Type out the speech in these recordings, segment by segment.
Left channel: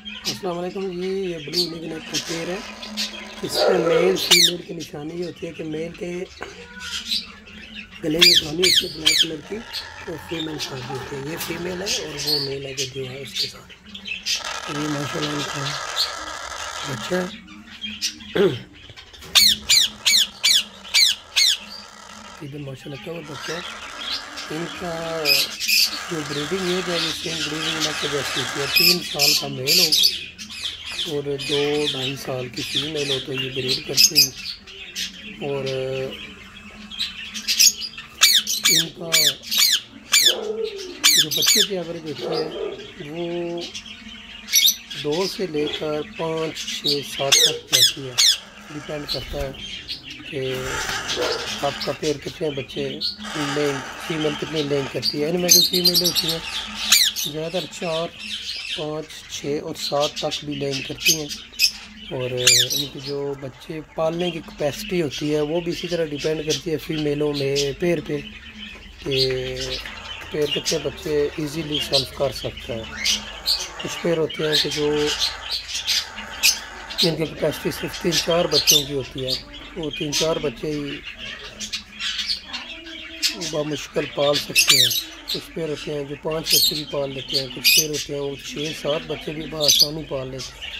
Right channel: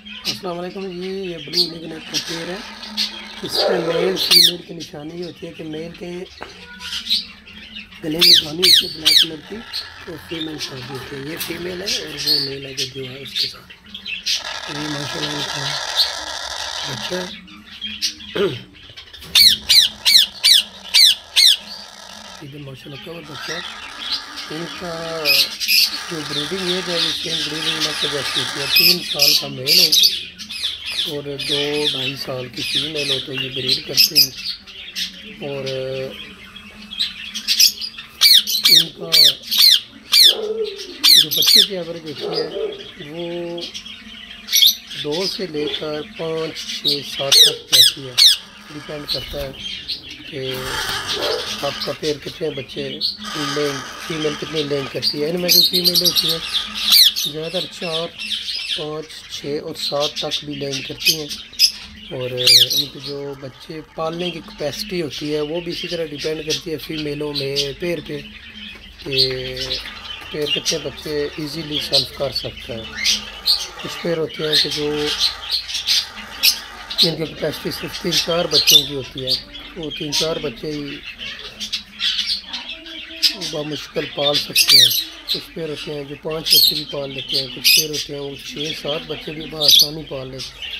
अस्सलाम वालेकुम जी। ये ब्लू लिग्नेट का पेड़ है। इस पर मेल फीमेल की निशानी ये होती है कि मेल के गले में धानी होती है ब्लैक कलर की, और फीमेल शादी होती है। ये फीमेल है और वो मेल है जो है उसके साथ। और ये माशाल्लाह इनका बच्चा इधर माशाल्लाह कवर बच्चा है। इनका जो ब्रीडिंग एज है ये सेम ब्रीडिंग लग जैसी होती है। 3 साल का मेल हो और 2-2.5 साल की फीमेल हो तो ये ब्रीड करते हैं। और इनका जो बच्चे की एवरेज होती है वो 2 से लेकर 5, 6, 7 तक जाती है। डिपेंड करता है कि आपका पेड़ कितने बच्चे लेंग फीमेल कितनी लेंग करती है। इनमें जो फीमेल होती हैं ज़्यादातर 4, 5, 6 और 7 तक भी लेंग करती हैं। और इनके जो बच्चे पालने की कैपेसिटी होती है वो भी इसी तरह डिपेंड करती है फीमेलों में पेड़ पे कि पेड़ कितने बच्चे इजीली सेल्फ कर सकता है। कुछ पेड़ होते हैं कि जो जिनकी कैपेसिटी सिर्फ 3-4 बच्चों की होती है, वो 3-4 बच्चे ही बामुश्किल पाल सकते हैं। कुछ पेड़ होते हैं जो 5 बच्चे भी पाल लेते हैं, कुछ पेड़ होते हैं वो 6-7 बच्चे भी बआसानी पाल लेते हैं।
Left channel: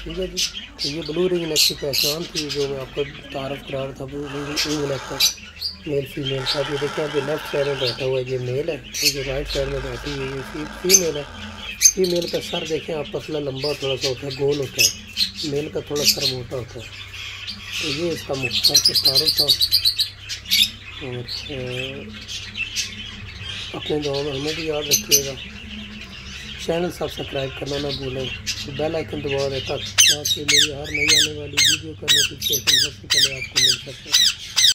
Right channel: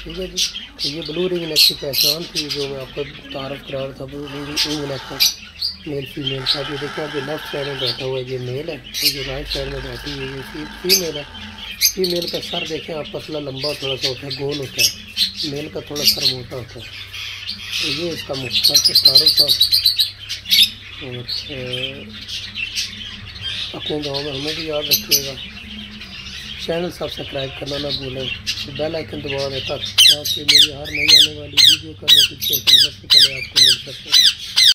ठीक है जी। तो ये ब्लू रिंगनेक की पहचान थी जो मैं आपको तारफ़ करा रहा था। ब्लू रिंगनेक का मेल फीमेल का ये देखिए, आप जो लेफ्ट साइड में बैठा हुआ है ये मेल है, और जो राइट साइड में बैठी हुई है फीमेल है। फीमेल का सर देखें आप पतला लंबा थोड़ा सा होता है, गोल होता है। मेल का थोड़ा सर मोटा होता है। तो ये इसका मुख्तर से तारुफ था। और अपने गाँव में हमें भी याद रखिएगा। चैनल सब्सक्राइब करना ना भूलें, बेल आइकन दबा दें ताकि मेरी हर नई आने वाली वीडियो का नोटिफिकेशन सबसे पहले आपको मिल सके।